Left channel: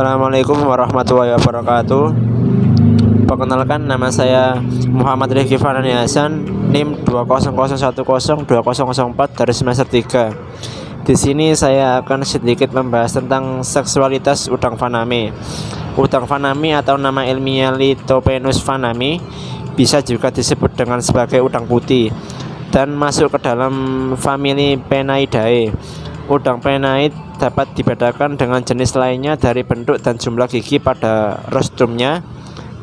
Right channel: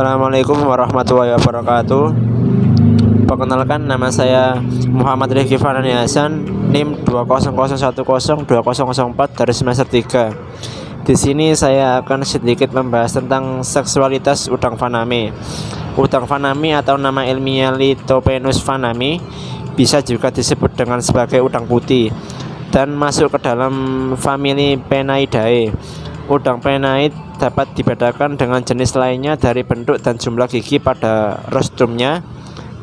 Assalamualaikum warahmatullahi wabarakatuh. Perkenalkan, nama saya Muhammad Rifki Fanani Hasan, NIM 200102004 dari semester 3. Di sini saya akan sedikit membahas tentang seksualitas udang faname. Udang faname atau nama ilmiah Lithopenus fanami bisa juga disebut dengan sebagai udang putih dan masuk ke dalam famili Penaidae. Udang Penaid dapat dibedakan dengan jenis lainnya dari bentuk dan jumlah gigi pada rostrumnya.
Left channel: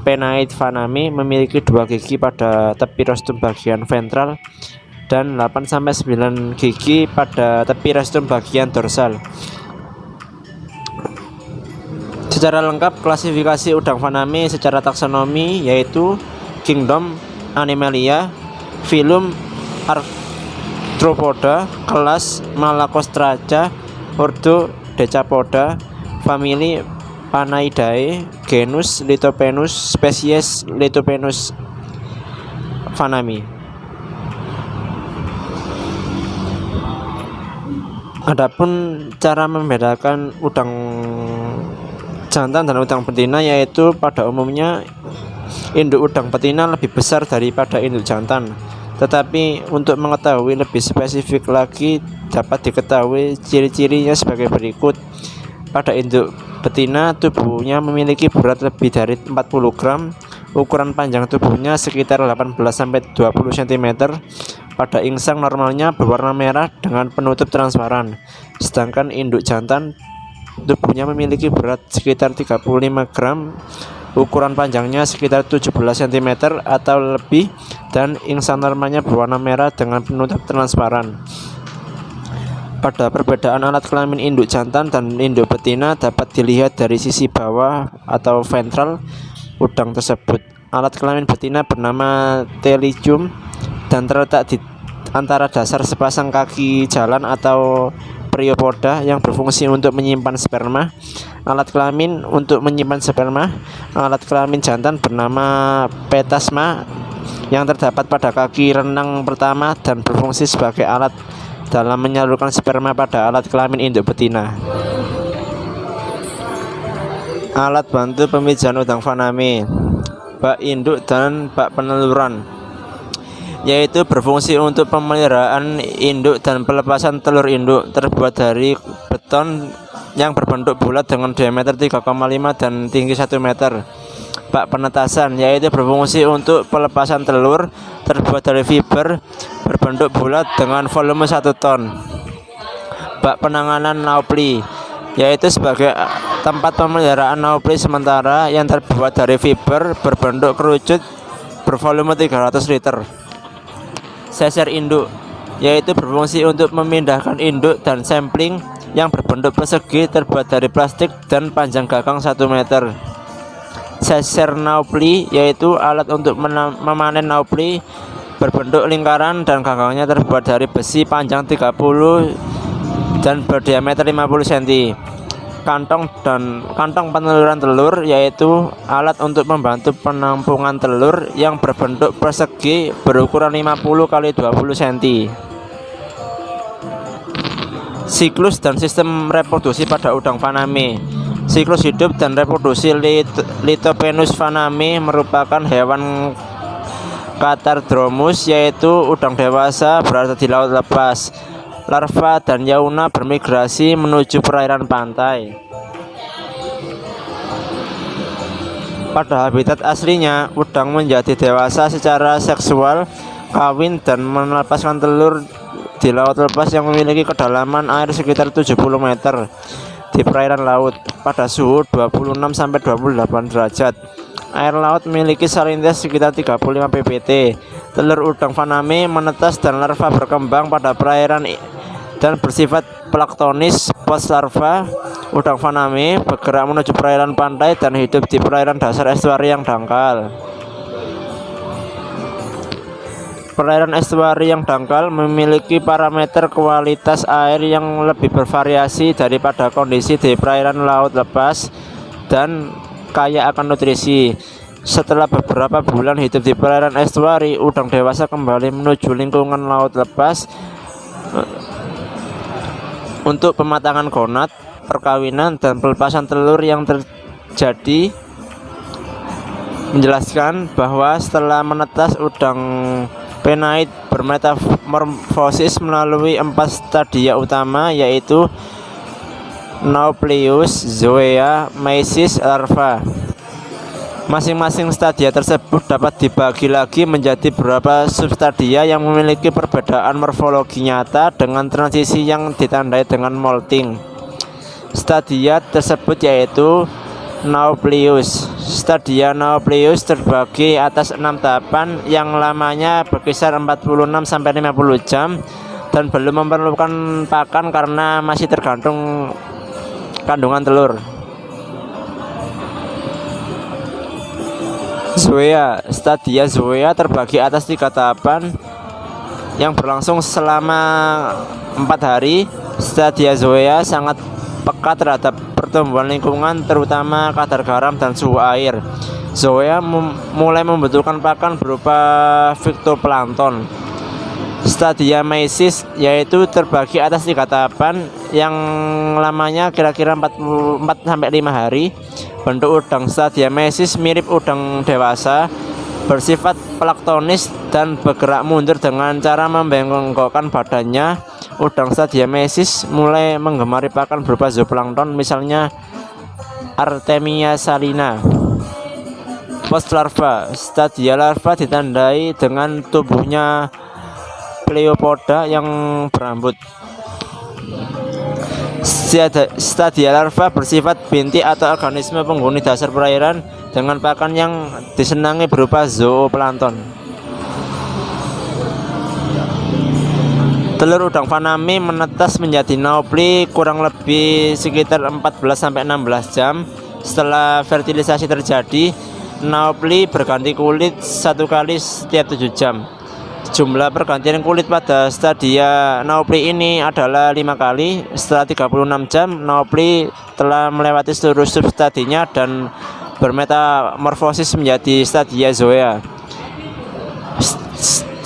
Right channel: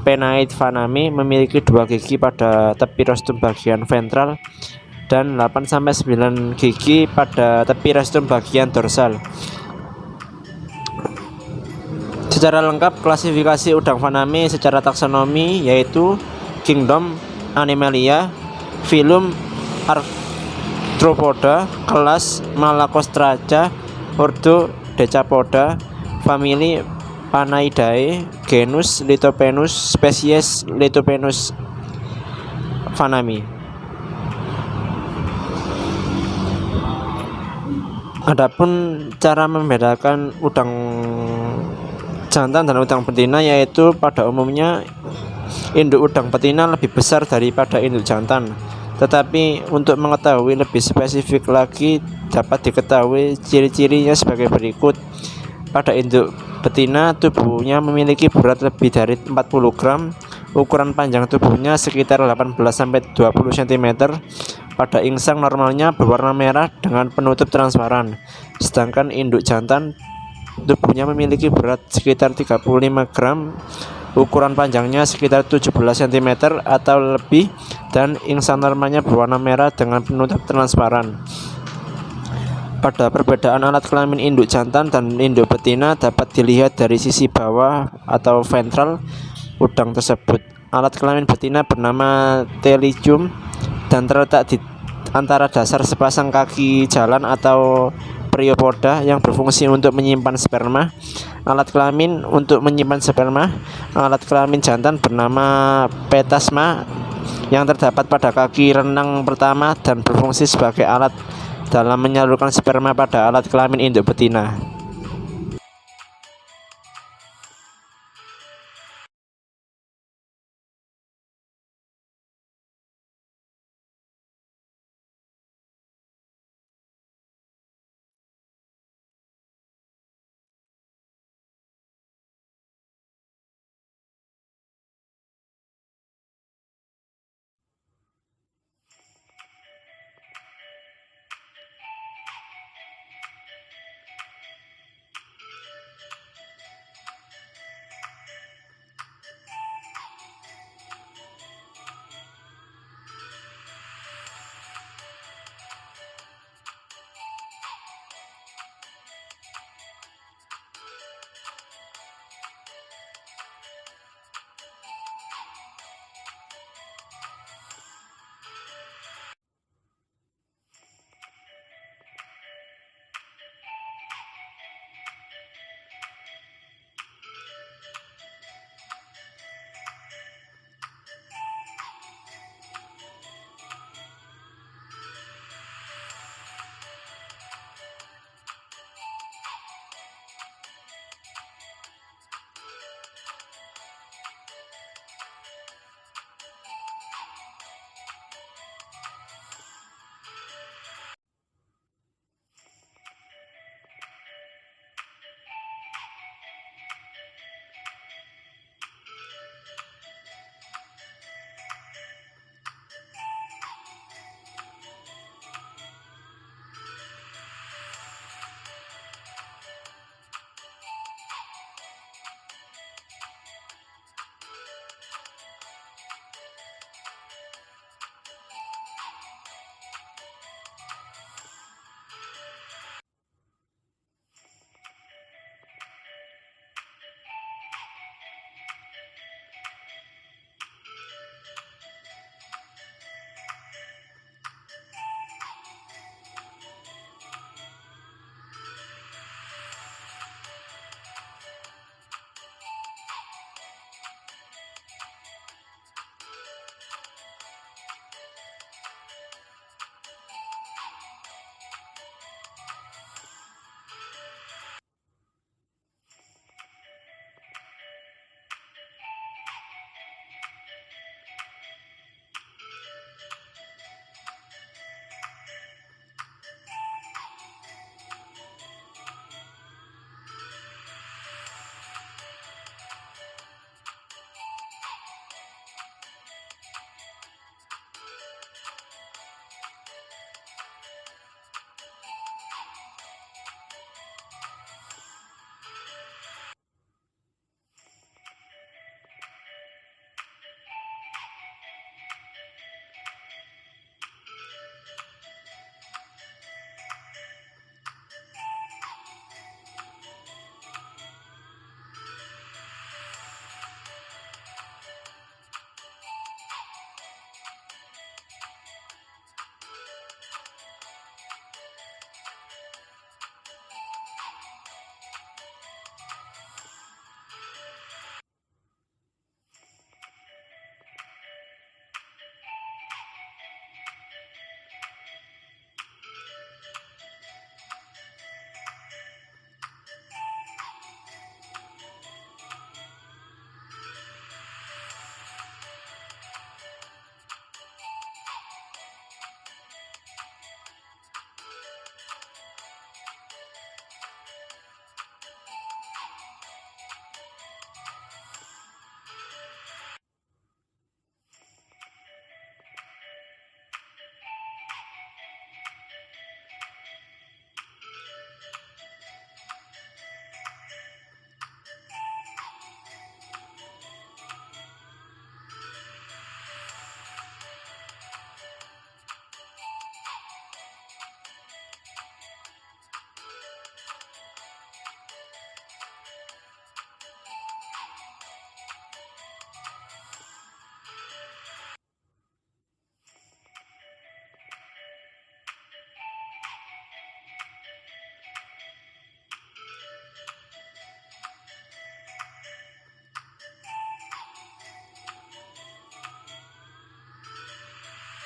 Penaid fanami memiliki 2 gigi pada tepi rostrum bagian ventral dan 8-9 gigi pada tepi rostrum bagian dorsal. Secara lengkap, klasifikasi udang faname secara taksonomi yaitu Kingdom Animalia, Phylum Arthropoda, kelas Malacostraca, ordo Decapoda, famili Panaidae, genus Lithopenus, spesies Lithopenus fanami. Adapun cara membedakan udang jantan dan udang betina yaitu pada umumnya induk udang betina lebih besar daripada induk jantan. Tetapi untuk mengetahui lebih spesifik lagi dapat diketahui ciri-cirinya sebagai berikut. Pada induk betina, tubuhnya memiliki berat lebih dari 40 gram, ukuran panjang tubuhnya sekitar 18-20 cm. Pada insang normalnya berwarna merah dengan penutup transparan. Sedangkan induk jantan tubuhnya memiliki berat sekitar 35 gram, ukuran panjangnya sekitar 17 cm atau lebih, dan insang normalnya berwarna merah dengan penutup transparan. Pada perbedaan alat kelamin induk jantan dan induk betina dapat dilihat dari sisi bawah atau ventral udang tersebut. Alat kelamin betina bernama teligium dan terletak di antara dasar sepasang kaki jalan atau periopoda yang berfungsi untuk menyimpan sperma. Alat kelamin untuk menyimpan sperma. Alat kelamin jantan bernama petasma yang terdapat pada kaki renang pertama dan berfungsi sebagai alat dalam menyalurkan sperma pada alat kelamin induk betina. Alat bantu pemijahan udang faname, bak induk dan bak peneluran, yaitu berfungsi untuk pemeliharaan induk dan pelepasan telur induk. Terbuat dari beton yang berbentuk bulat dengan diameter 3,5 dan tinggi 1 meter. Bak penetasan, yaitu berfungsi untuk pelepasan telur, terbuat dari fiber berbentuk bulat dengan volume 1 ton. Bak penanganan naupli, yaitu sebagai tempat pemeliharaan naupli sementara yang terbuat dari fiber berbentuk kerucut bervolume 300 liter. Seser induk, yaitu berfungsi untuk memindahkan induk dan sampling yang berbentuk persegi terbuat dari plastik dan panjang gagang 1 meter. Seser naupli, yaitu alat untuk memanen naupli berbentuk lingkaran dan gagangnya terbuat dari besi panjang 30 dan berdiameter 50 cm. Kantong peneluran telur, yaitu alat untuk membantu penampungan telur yang berbentuk persegi berukuran 50 x 20 cm. Siklus dan sistem reproduksi pada udang faname. Siklus hidup dan reproduksi Lithopenus faname merupakan hewan Catardromus, yaitu udang dewasa berada di laut lepas. Larva dan yauna bermigrasi menuju perairan pantai. Pada habitat aslinya, udang menjadi dewasa secara seksual, kawin dan melepaskan telur di laut lepas yang memiliki kedalaman air sekitar 70 meter di perairan laut pada suhu 26-28 derajat. Air laut memiliki salinitas sekitar 35 ppt. Telur udang faname menetas dan larva berkembang pada perairan dan bersifat planktonis. Post larva udang faname bergerak menuju perairan pantai dan hidup di perairan dasar estuari yang dangkal. Perairan estuari yang dangkal memiliki parameter kualitas air yang lebih bervariasi daripada kondisi di perairan laut lepas dan kaya akan nutrisi. Setelah beberapa bulan hidup di perairan estuari, udang dewasa kembali menuju lingkungan laut lepas untuk pematangan gonad. perkawinan dan pelepasan telur yang terjadi menjelaskan bahwa setelah menetas udang penaid bermetamorfosis melalui 4 stadia utama, yaitu Nauplius, Zoea, Mesis, larva. Masing-masing stadia tersebut dapat dibagi lagi menjadi beberapa substadia yang memiliki perbedaan morfologi nyata dengan transisi yang ditandai dengan molting. Stadia tersebut yaitu Nauplius. Stadia Nauplius terbagi atas 6 tahapan yang lamanya berkisar 46-50 jam dan belum memerlukan pakan karena masih tergantung kandungan telur. Zoea. Stadia Zoea terbagi atas 3 tahapan yang berlangsung selama 4 hari. Stadia Zoea sangat peka terhadap pertumbuhan lingkungan, terutama kadar garam dan suhu air. Zoea mulai membutuhkan pakan berupa fitoplankton. Stadia Mesis yaitu terbagi atas 3 tahapan yang lamanya kira-kira 4-5 hari. Bentuk udang stadia Mesis mirip udang dewasa, bersifat planktonis dan bergerak mundur dengan cara membengkokkan badannya. Udang stadia Mesis mulai menggemari pakan berupa zooplankton, misalnya Artemia salina. Post larva. Stadia larva ditandai dengan tubuhnya pleopoda yang berambut. Stadia larva bersifat bintik atau organisme penghuni dasar perairan dengan pakan yang disenangi berupa zooplankton. Telur udang faname menetas menjadi naupli kurang lebih sekitar 14-16 jam setelah fertilisasi terjadi. Naupli berganti kulit 1 kali setiap 7 jam. Jumlah pergantian kulit pada stadia naupli ini adalah 5 kali. Setelah 36 jam, naupli telah melewati seluruh substadinya dan bermetamorfosis menjadi stadia zoea.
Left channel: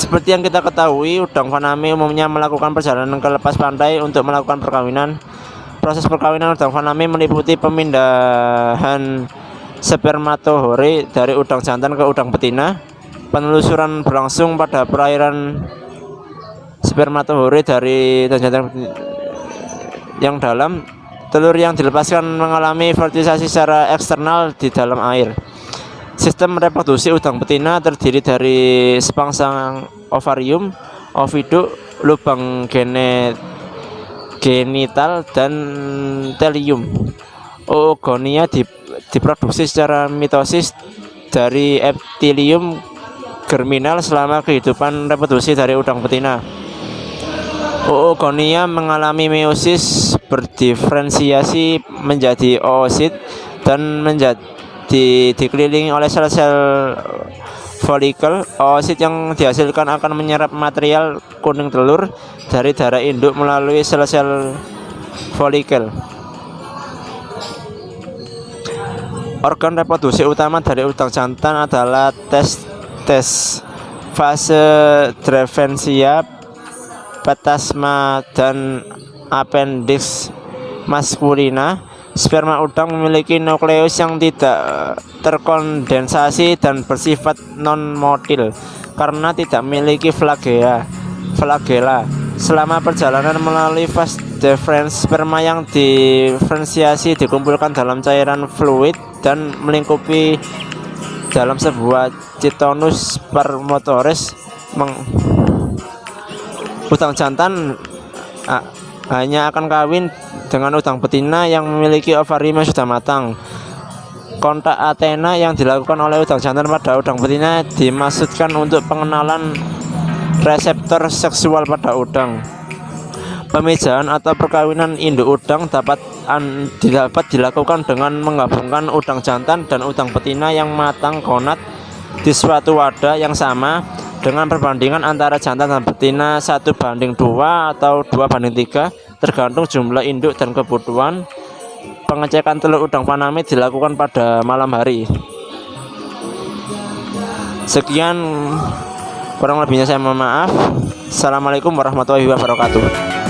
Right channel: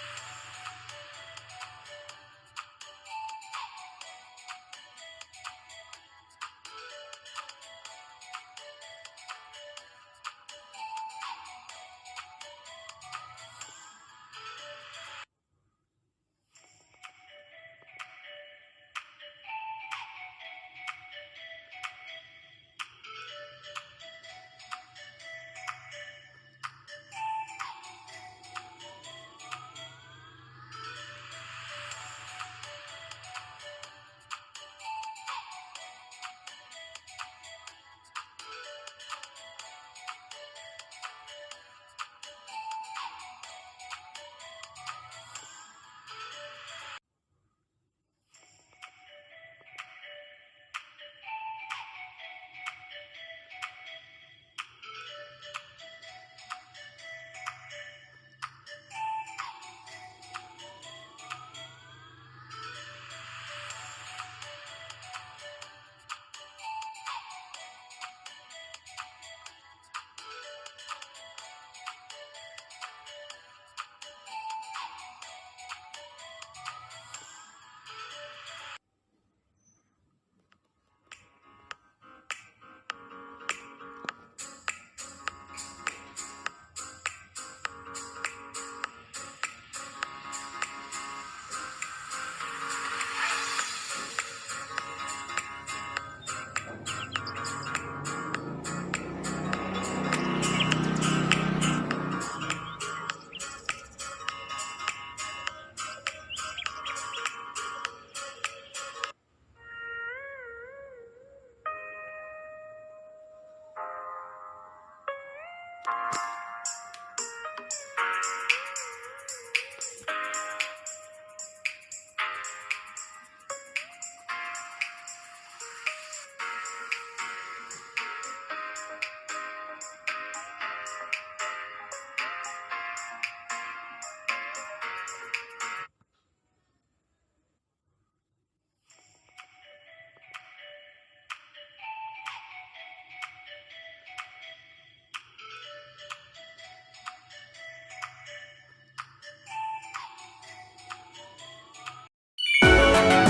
Seperti yang kita ketahui, udang faname umumnya melakukan perjalanan ke lepas pantai untuk melakukan perkawinan. Proses perkawinan udang faname meliputi pemindahan spermatohore dari udang jantan ke udang betina. Penelusuran berlangsung pada perairan spermatohore dari udang jantan yang dalam. Telur yang dilepaskan mengalami fertilisasi secara eksternal di dalam air. Sistem reproduksi udang betina terdiri dari sepangsang ovarium, oviduk, lubang genital, dan telium. Oogonia diproduksi secara mitosis dari epitelium germinal selama kehidupan reproduksi dari udang betina. Oogonia mengalami meiosis, berdiferensiasi menjadi oosit, dan dikelilingi oleh sel-sel folikel. Oosit yang dihasilkan akan menyerap material kuning telur dari darah induk melalui sel-sel folikel. Organ reproduksi utama dari udang jantan adalah testes, fase Drevensia, petasma, dan appendix maskulina. Sperma udang memiliki nukleus yang tidak terkondensasi dan bersifat non-motil karena tidak memiliki flagella. Selama perjalanan melalui fase difference, sperma yang diferensiasi dikumpulkan dalam cairan fluid dan melingkupi dalam sebuah citonus spermatoris. Udang jantan hanya akan kawin dengan udang betina yang memiliki ovarium yang sudah matang. Kontak Athena yang dilakukan oleh udang jantan pada udang betina dimaksudkan untuk pengenalan reseptor seksual pada udang. Pemijahan atau perkawinan induk udang dapat dilakukan dengan menggabungkan udang jantan dan udang betina yang matang gonad di suatu wadah yang sama dengan perbandingan antara jantan dan betina 1:2 atau 2:3 tergantung jumlah induk dan kebutuhan. Pengecekan telur udang faname dilakukan pada malam hari. Sekian, kurang lebihnya saya mohon maaf. Assalamualaikum warahmatullahi wabarakatuh.